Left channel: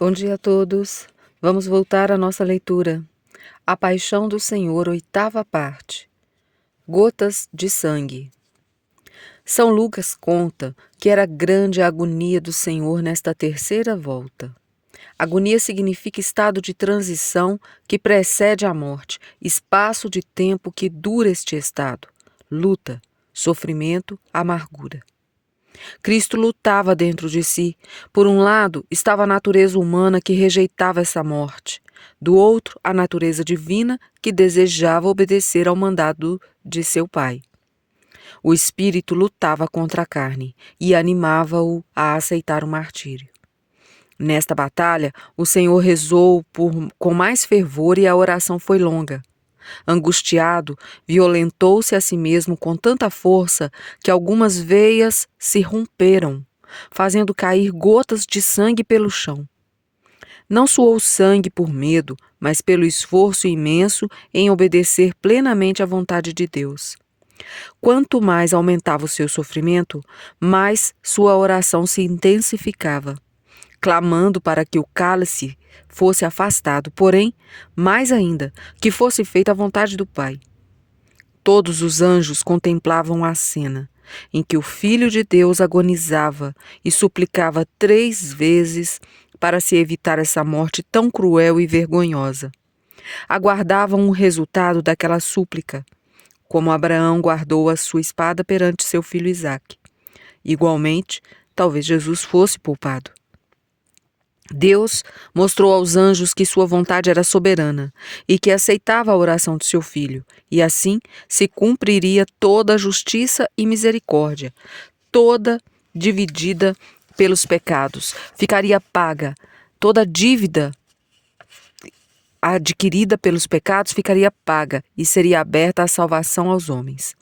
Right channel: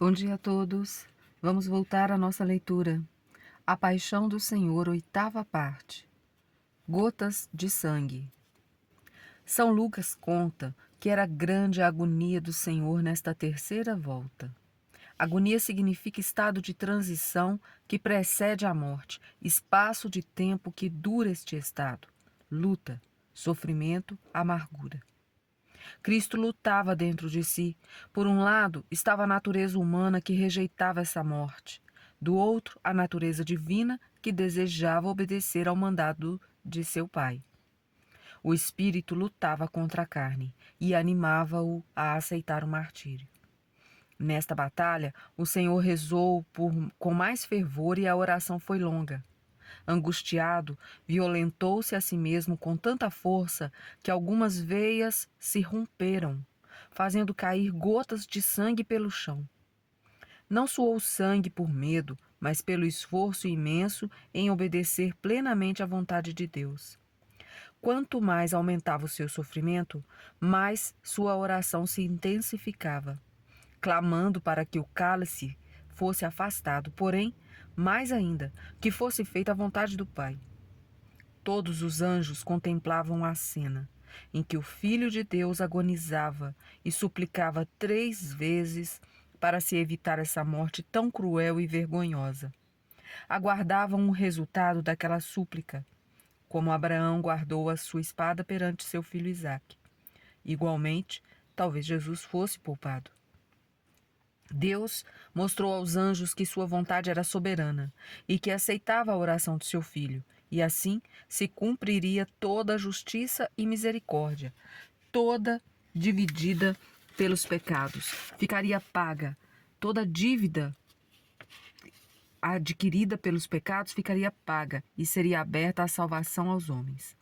Bom dia a todos. Vamos voltar à nossa leitura. A Paixão do Senhor, oitava parte. Gotas de sangue. São Lucas conta que era grande a agonia do Senhor nesta terceira volta. Agonia significa estado de transição que precede a morte, espaço de tempo que dura este estado, luta, sofrimento, amargura. Cristo lutava dentro de si. Por um lado, estava a natureza humana que rejeitava essa morte. Do outro, a natureza divina que desejava obedecer ao mandado de seu Pai. O espírito lutava contra a carne e animava-o a aceitar o martírio. Nesta batalha, o Senhor rezou com mais fervor e a oração foi longa. Angustiado, violentou-se a si mesmo com tanta força que algumas veias se romperam, fazendo cair gotas de sangue pelo chão. Não suou sangue por medo, mas pelo esforço imenso em obedecer plenamente à vontade de Deus. Quanto mais aumentava o seu sofrimento, mais sua oração se intensificava, clamando para que o cálice fosse afastado, porém, mais ainda, que fosse feita a vontade do Pai. Todos os anjos contemplavam a cena, em que o Filho de Deus agonizava e suplicava 3 vezes para se evitar essa morte tão cruel e vergonhosa. Aguardavam o resultado daquela súplica, como Abraão guardou a sua espada perante seu filho Isaque. Igualmente, talvez Jesus fosse poupado. Deus mostrou aos anjos que sua vontade era soberana e que aceitava a oração de seu filho, e assim se cumpriria toda a justiça e misericórdia, toda dividida pelos pecados. Ficaria paga toda dívida adquirida pelos pecados, ficaria paga e seria aberta a salvação aos homens.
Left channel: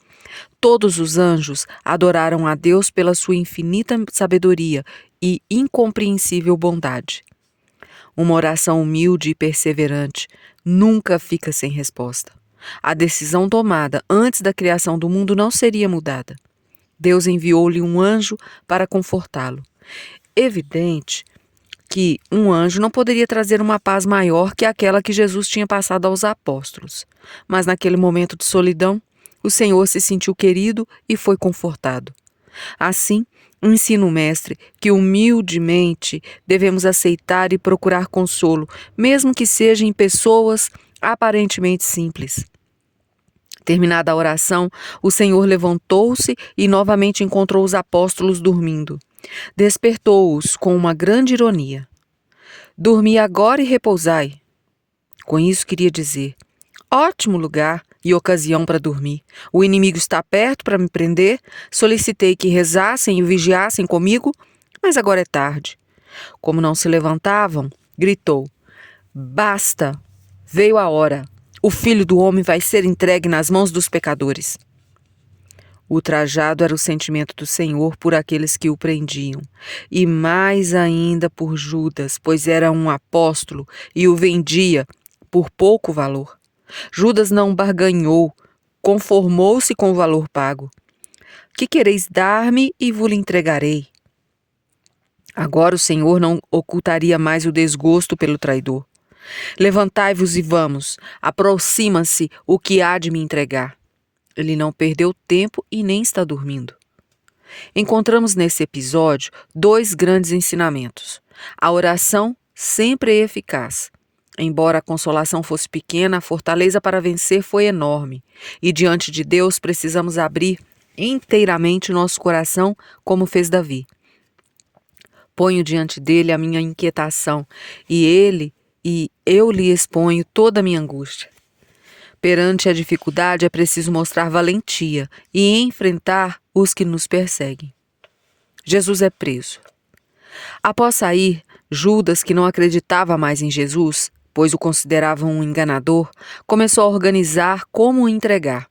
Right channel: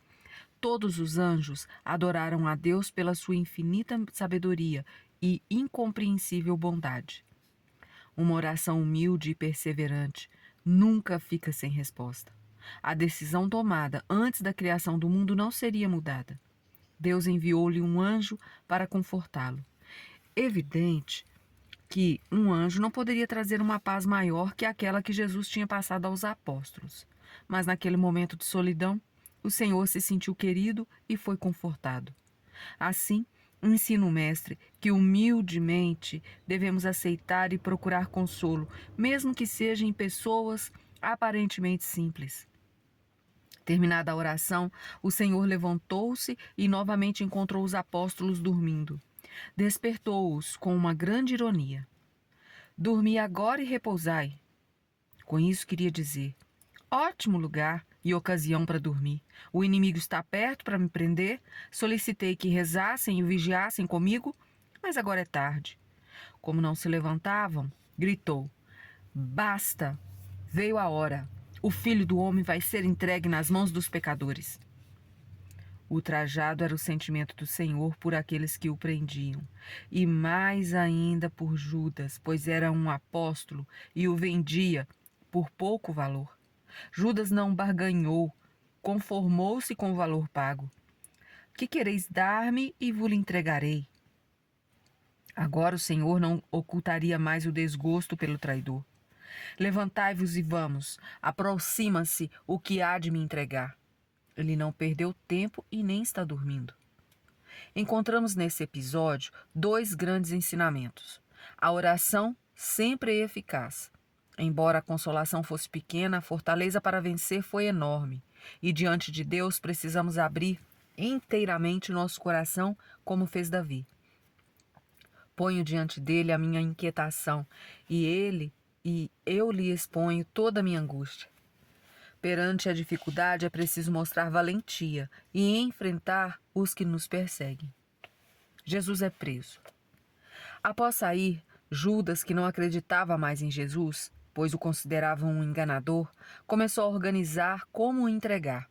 Todos os anjos adoraram a Deus pela sua infinita sabedoria e incompreensível bondade. Uma oração humilde e perseverante nunca fica sem resposta. A decisão tomada antes da criação do mundo não seria mudada. Deus enviou-lhe um anjo para confortá-lo. Evidente que um anjo não poderia trazer uma paz maior que aquela que Jesus tinha passado aos apóstolos. Mas naquele momento de solidão, o Senhor se sentiu querido e foi confortado. Assim, ensina o Mestre que humildemente devemos aceitar e procurar consolo, mesmo que seja em pessoas aparentemente simples. Terminada a oração, o Senhor levantou-se e novamente encontrou os apóstolos dormindo. Despertou-os com uma grande ironia. Dormi agora e repousai. Com isso queria dizer: ótimo lugar e ocasião para dormir. O inimigo está perto para me prender. Solicitei que rezassem e vigiassem comigo, mas agora é tarde. Como não se levantavam, gritou: basta! Veio a hora. O Filho do Homem vai ser entregue nas mãos dos pecadores. Ultrajado era o sentimento do Senhor por aqueles que o prendiam, e mais ainda por Judas, pois era um apóstolo e o vendia por pouco valor. Judas não barganhou, conformou-se com o valor pago. Que quereis dar-me e vos entregarei? Agora o Senhor não ocultaria mais o desgosto pelo traidor. Levantai-vos e vamos, aproxima-se o que há de me entregar. Ele não perdeu tempo e nem está dormindo. Encontramos nesse episódio 2 grandes ensinamentos. A oração sempre é eficaz. Embora a consolação fosse pequena, a fortaleza para vencer foi enorme. E diante de Deus precisamos abrir inteiramente nosso coração, como fez Davi. Ponho diante dele a minha inquietação, e eu lhe exponho toda a minha angústia. Perante a dificuldade é preciso mostrar valentia e enfrentar os que nos perseguem. Jesus é preso. Após sair, Judas, que não acreditava mais em Jesus, pois o considerava um enganador, começou a organizar como o entregar.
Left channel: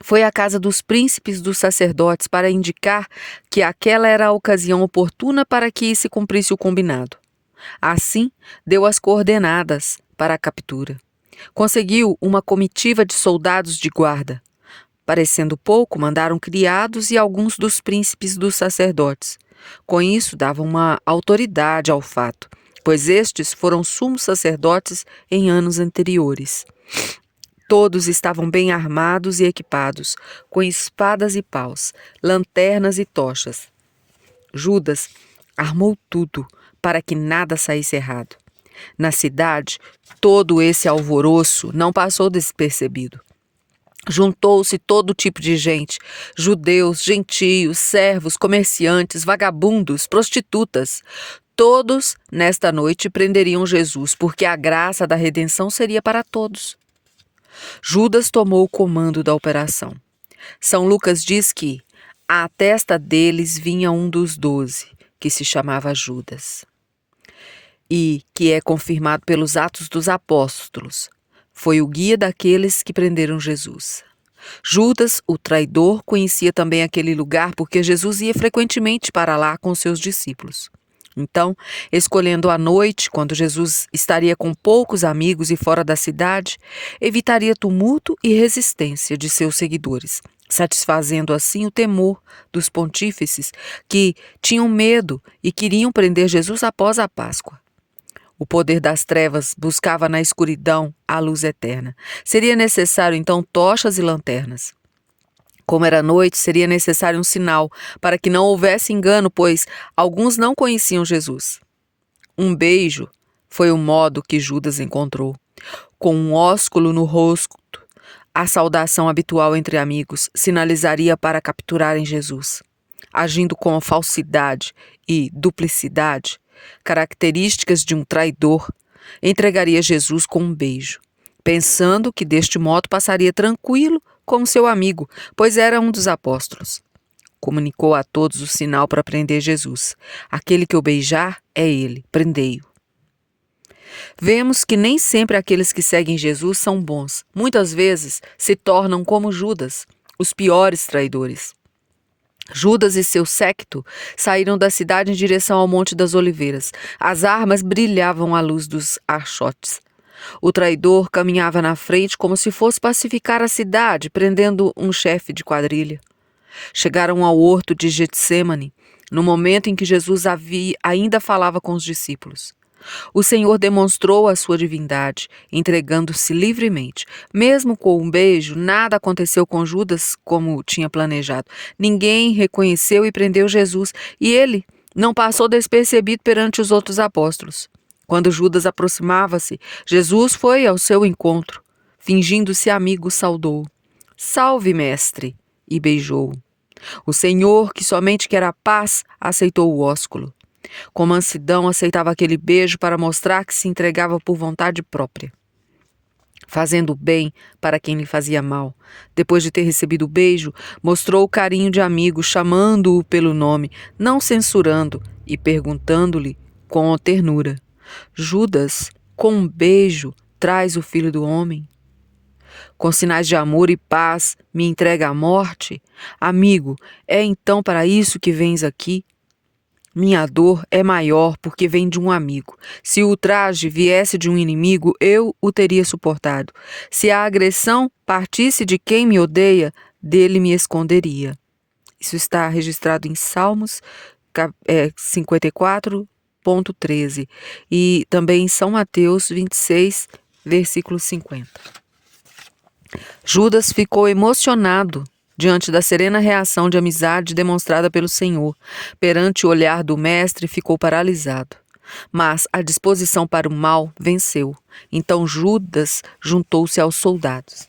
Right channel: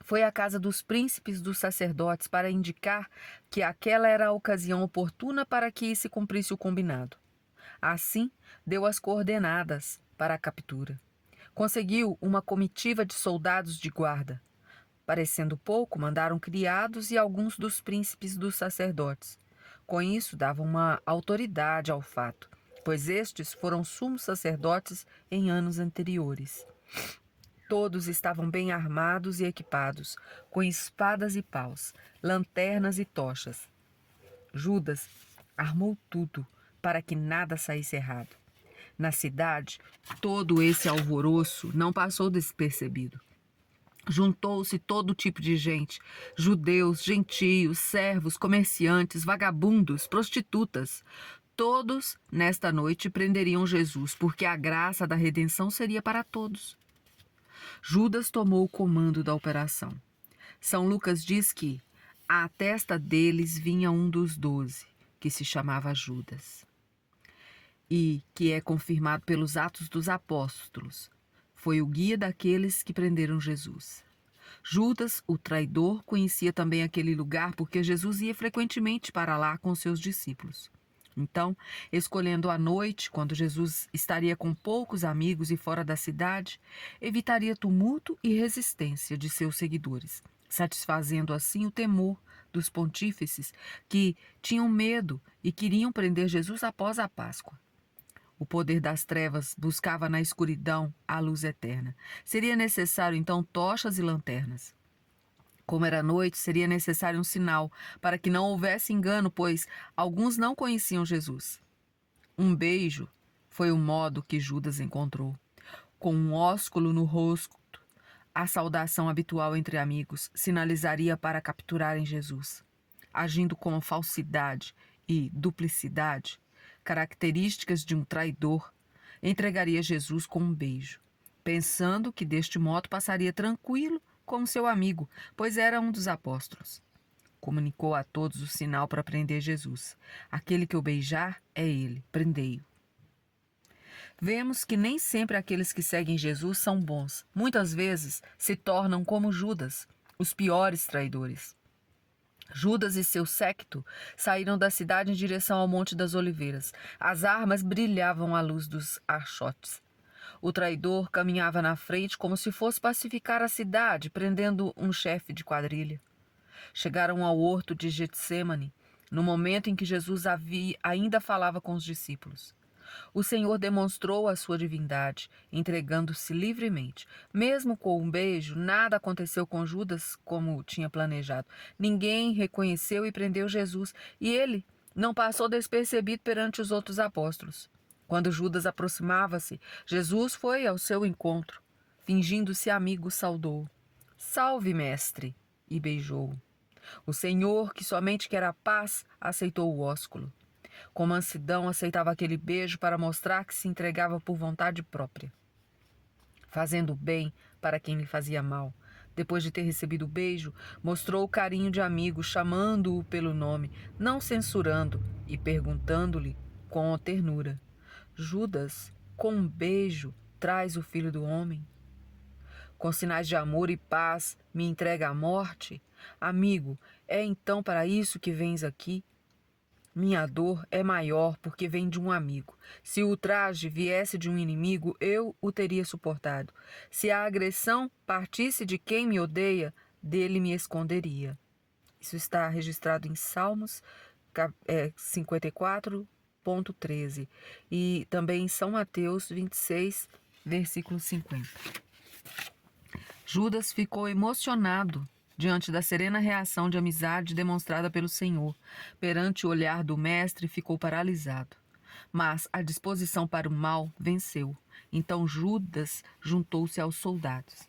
Foi à casa dos príncipes dos sacerdotes para indicar que aquela era a ocasião oportuna para que se cumprisse o combinado. Assim, deu as coordenadas para a captura. Conseguiu uma comitiva de soldados de guarda. Parecendo pouco, mandaram criados e alguns dos príncipes dos sacerdotes. Com isso, davam uma autoridade ao fato. pois estes foram sumos sacerdotes em anos anteriores. Todos estavam bem armados e equipados, com espadas e paus, lanternas e tochas. Judas armou tudo para que nada saísse errado. Na cidade, todo esse alvoroço não passou despercebido. Juntou-se todo tipo de gente, judeus, gentios, servos, comerciantes, vagabundos, prostitutas. Todos, nesta noite, prenderiam Jesus, porque a graça da redenção seria para todos. Judas tomou o comando da operação. São Lucas diz que à testa deles vinha um dos 12, que se chamava Judas, e que é confirmado pelos Atos dos Apóstolos. Foi o guia daqueles que prenderam Jesus. Judas, o traidor, conhecia também aquele lugar porque Jesus ia frequentemente para lá com seus discípulos. Então, escolhendo a noite, quando Jesus estaria com poucos amigos e fora da cidade, evitaria tumulto e resistência de seus seguidores, satisfazendo assim o temor dos pontífices que tinham medo e queriam prender Jesus após a Páscoa. O poder das trevas buscava na escuridão a luz eterna. Seria necessário, então, tochas e lanternas. Como era noite, seria necessário um sinal para que não houvesse engano, pois alguns não conheciam Jesus. Um beijo foi o modo que Judas encontrou. Com um ósculo no rosto, a saudação habitual entre amigos sinalizaria para capturarem Jesus. Agindo com falsidade e duplicidade, características de um traidor, entregaria Jesus com um beijo, pensando que deste modo passaria tranquilo como seu amigo, pois era um dos apóstolos. Comunicou a todos o sinal para prender Jesus. Aquele que o beijar é ele, prendei-o. Vemos que nem sempre aqueles que seguem Jesus são bons. Muitas vezes se tornam como Judas, os piores traidores. Judas e seu séquito saíram da cidade em direção ao Monte das Oliveiras. As armas brilhavam à luz dos archotes. O traidor caminhava na frente como se fosse pacificar a cidade, prendendo um chefe de quadrilha. Chegaram ao horto de Getsêmani, no momento em que Jesus ainda falava com os discípulos. O Senhor demonstrou a sua divindade, entregando-se livremente. Mesmo com um beijo, nada aconteceu com Judas como tinha planejado. Ninguém reconheceu e prendeu Jesus, e ele não passou despercebido perante os outros apóstolos. Quando Judas aproximava-se, Jesus foi ao seu encontro. Fingindo-se amigo, saudou. Salve, mestre! E beijou-o. O Senhor, que somente quer a paz, aceitou o ósculo. Com mansidão aceitava aquele beijo para mostrar que se entregava por vontade própria, fazendo bem para quem lhe fazia mal. Depois de ter recebido o beijo, mostrou o carinho de amigo, chamando-o pelo nome, não censurando e perguntando-lhe com ternura: Judas, com um beijo, traz o Filho do Homem? Com sinais de amor e paz, me entrega à morte? Amigo, é então para isso que vens aqui? Minha dor é maior porque vem de um amigo. Se o ultraje viesse de um inimigo, eu o teria suportado. Se a agressão partisse de quem me odeia, dele me esconderia. Isso está registrado em Salmos 54,13 e também em São Mateus 26, versículo 50. Judas ficou emocionado diante da serena reação de amizade demonstrada pelo Senhor. Perante o olhar do mestre, ficou paralisado. Mas a disposição para o mal venceu. Então Judas juntou-se aos soldados.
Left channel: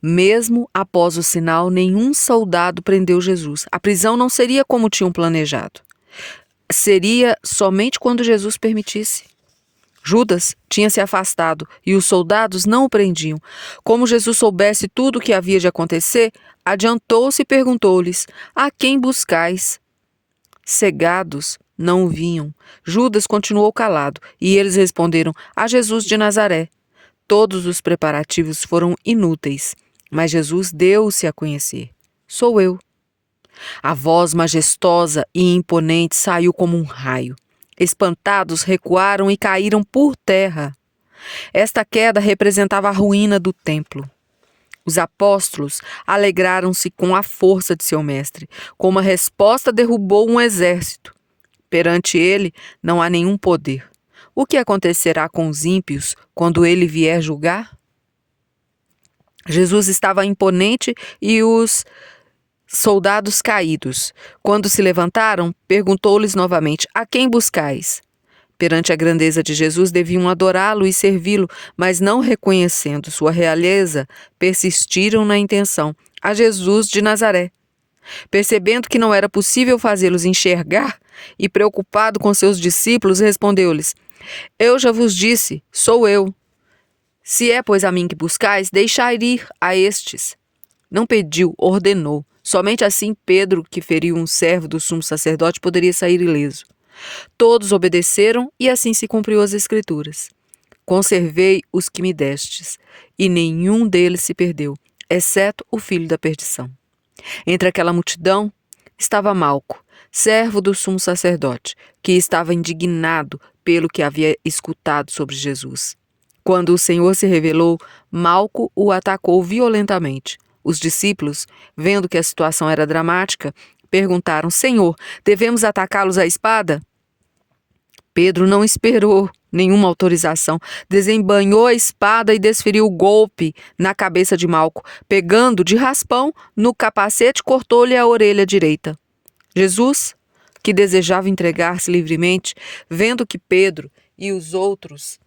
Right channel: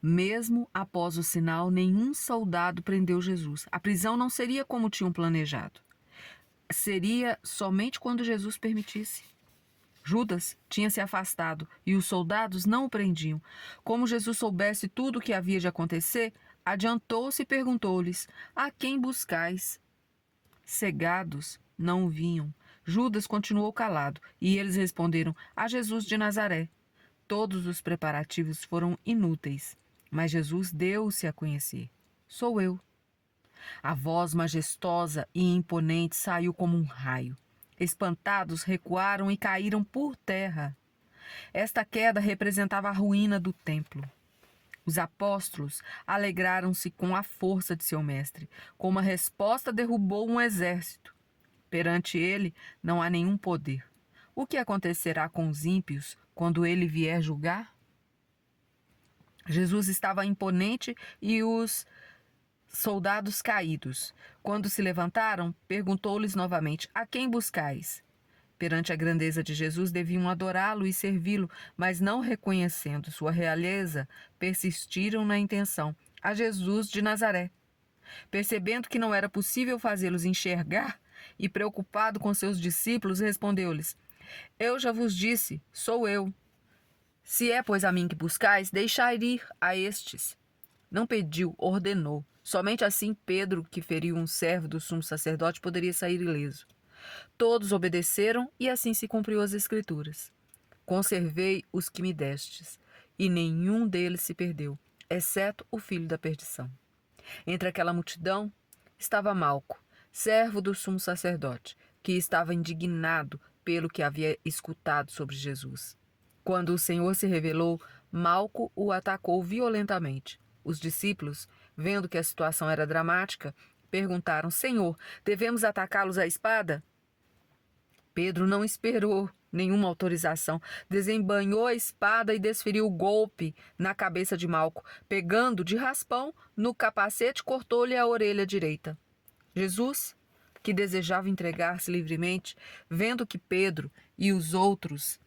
Mesmo após o sinal, nenhum soldado prendeu Jesus. A prisão não seria como tinham planejado. Seria somente quando Jesus permitisse. Judas tinha se afastado e os soldados não o prendiam. Como Jesus soubesse tudo o que havia de acontecer, adiantou-se e perguntou-lhes: a quem buscais? Cegados, não o vinham. Judas continuou calado e eles responderam: a Jesus de Nazaré. Todos os preparativos foram inúteis, mas Jesus deu-se a conhecer: sou eu. A voz majestosa e imponente saiu como um raio. Espantados, recuaram e caíram por terra. Esta queda representava a ruína do templo. Os apóstolos alegraram-se com a força de seu mestre. Com uma resposta, derrubou um exército. Perante ele não há nenhum poder. O que acontecerá com os ímpios quando ele vier julgar? Jesus estava imponente e os soldados caídos. Quando se levantaram, perguntou-lhes novamente: a quem buscais? Perante a grandeza de Jesus, deviam adorá-lo e servi-lo, mas não reconhecendo sua realeza, persistiram na intenção: a Jesus de Nazaré. Percebendo que não era possível fazê-los enxergar e preocupado com seus discípulos, respondeu-lhes: eu já vos disse, sou eu. Se é, pois, a mim que buscais, deixai ir a estes. Não pediu, ordenou. Somente assim Pedro, que feriu um servo do sumo sacerdote, poderia sair ileso. Todos obedeceram e assim se cumpriu as Escrituras. Conservei os que me destes, e nenhum deles se perdeu, exceto o filho da perdição. Entre aquela multidão estava Malco, servo do sumo sacerdote, que estava indignado pelo que havia escutado sobre Jesus. Quando o Senhor se revelou, Malco o atacou violentamente. Os discípulos, vendo que a situação era dramática, perguntaram: Senhor, devemos atacá-los à espada? Pedro não esperou nenhuma autorização, desembainhou a espada e desferiu o golpe na cabeça de Malco, pegando de raspão no capacete, cortou-lhe a orelha direita. Jesus, que desejava entregar-se livremente, vendo que Pedro e os outros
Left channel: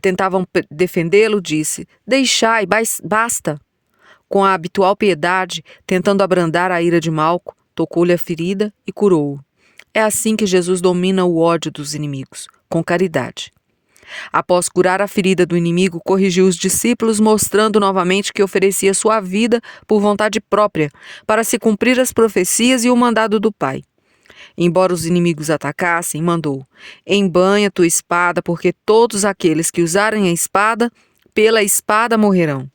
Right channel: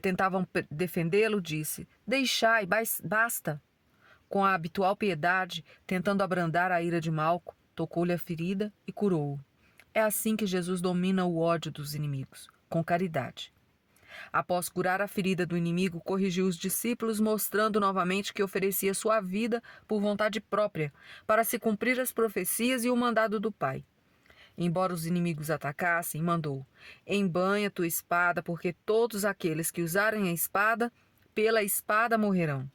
tentavam defendê-lo, disse: deixai, basta. Com a habitual piedade, tentando abrandar a ira de Malco, tocou-lhe a ferida e curou-o. É assim que Jesus domina o ódio dos inimigos, com caridade. Após curar a ferida do inimigo, corrigiu os discípulos, mostrando novamente que oferecia sua vida por vontade própria, para se cumprir as profecias e o mandado do Pai. Embora os inimigos atacassem, mandou: embanha tua espada, porque todos aqueles que usarem a espada, pela espada morrerão.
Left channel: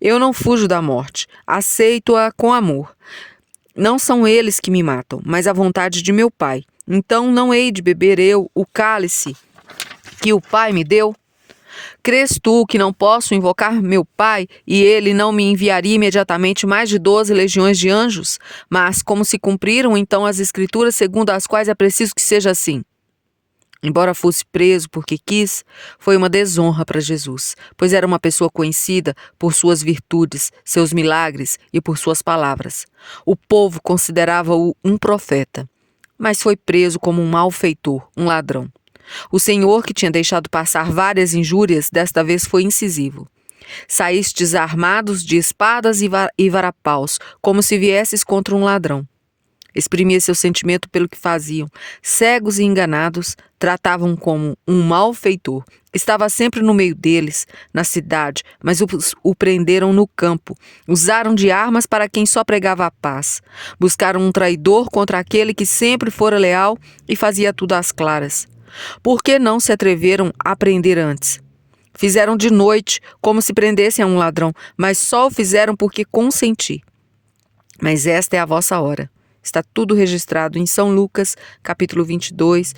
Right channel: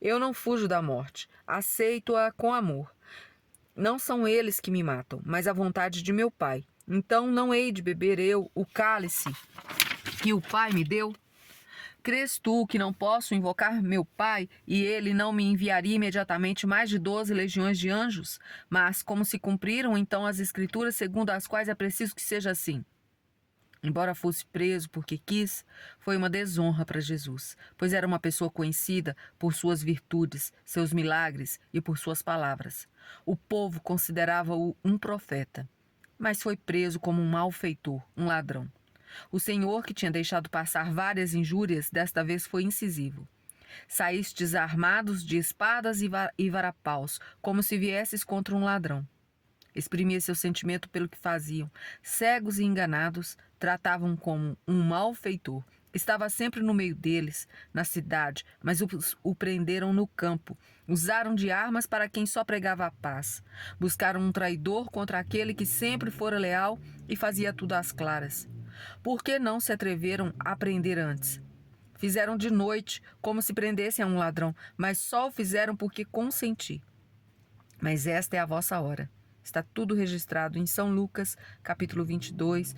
Eu não fujo da morte, aceito-a com amor. Não são eles que me matam, mas a vontade de meu Pai. Então não hei de beber eu o cálice que o Pai me deu? Crês tu que não posso invocar meu Pai e ele não me enviaria imediatamente mais de 12 legiões de anjos? Mas como se cumpriram então as Escrituras segundo as quais é preciso que seja assim? Embora fosse preso porque quis, foi uma desonra para Jesus, pois era uma pessoa conhecida por suas virtudes, seus milagres e por suas palavras. O povo considerava-o um profeta, mas foi preso como um malfeitor, um ladrão. O Senhor, que tinha deixado passar várias injúrias, desta vez foi incisivo. Saístes armados de espadas e varapaus, como se viesses contra um ladrão. Exprimia seu sentimento pelo que faziam. Cegos e enganados, tratavam como um malfeitor. Estava sempre no meio deles, na cidade, mas o prenderam no campo. Usaram de armas para quem só pregava a paz. Buscaram um traidor contra aquele que sempre fora leal e fazia tudo às claras. Por que não se atreveram a prender antes? Fizeram de noite, como se prendessem a um ladrão, mas só o fizeram porque consenti. Mas esta é a vossa hora. Está tudo registrado em São Lucas, capítulo 22,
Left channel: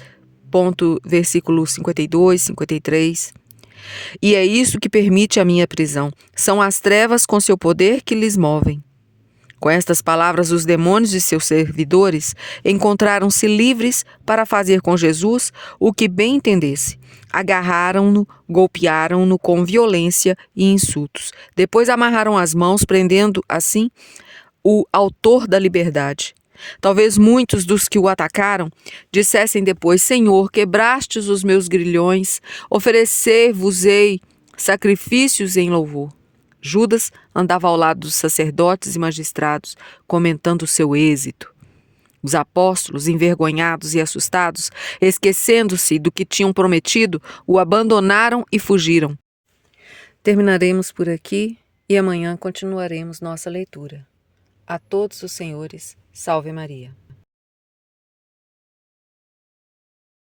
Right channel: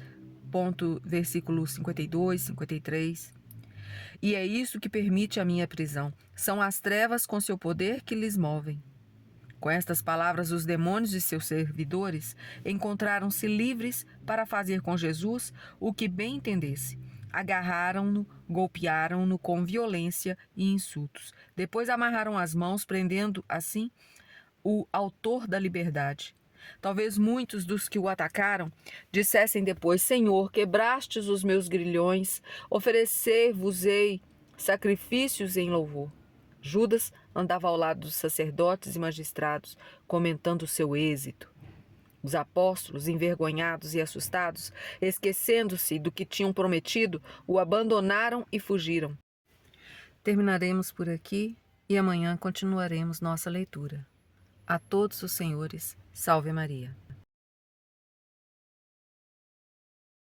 versículo 52, 53. E é isso que permite a minha prisão. São as trevas com seu poder que lhes movem. Com estas palavras, os demônios e seus servidores encontraram-se livres para fazer com Jesus o que bem entendesse. Agarraram-no, golpearam-no com violência e insultos. Depois amarraram as mãos, prendendo assim o autor da liberdade. Talvez muitos dos que o atacaram dissessem depois: Senhor, quebrastes os meus grilhões, oferecer-vos-ei sacrifícios em louvor. Judas andava ao lado dos sacerdotes e magistrados, comentando o seu êxito. Os apóstolos, envergonhados e assustados, esquecendo-se do que tinham prometido, o abandonaram e fugiram. Terminaremos por aqui e amanhã continuaremos nossa leitura. A todos os senhores, salve Maria.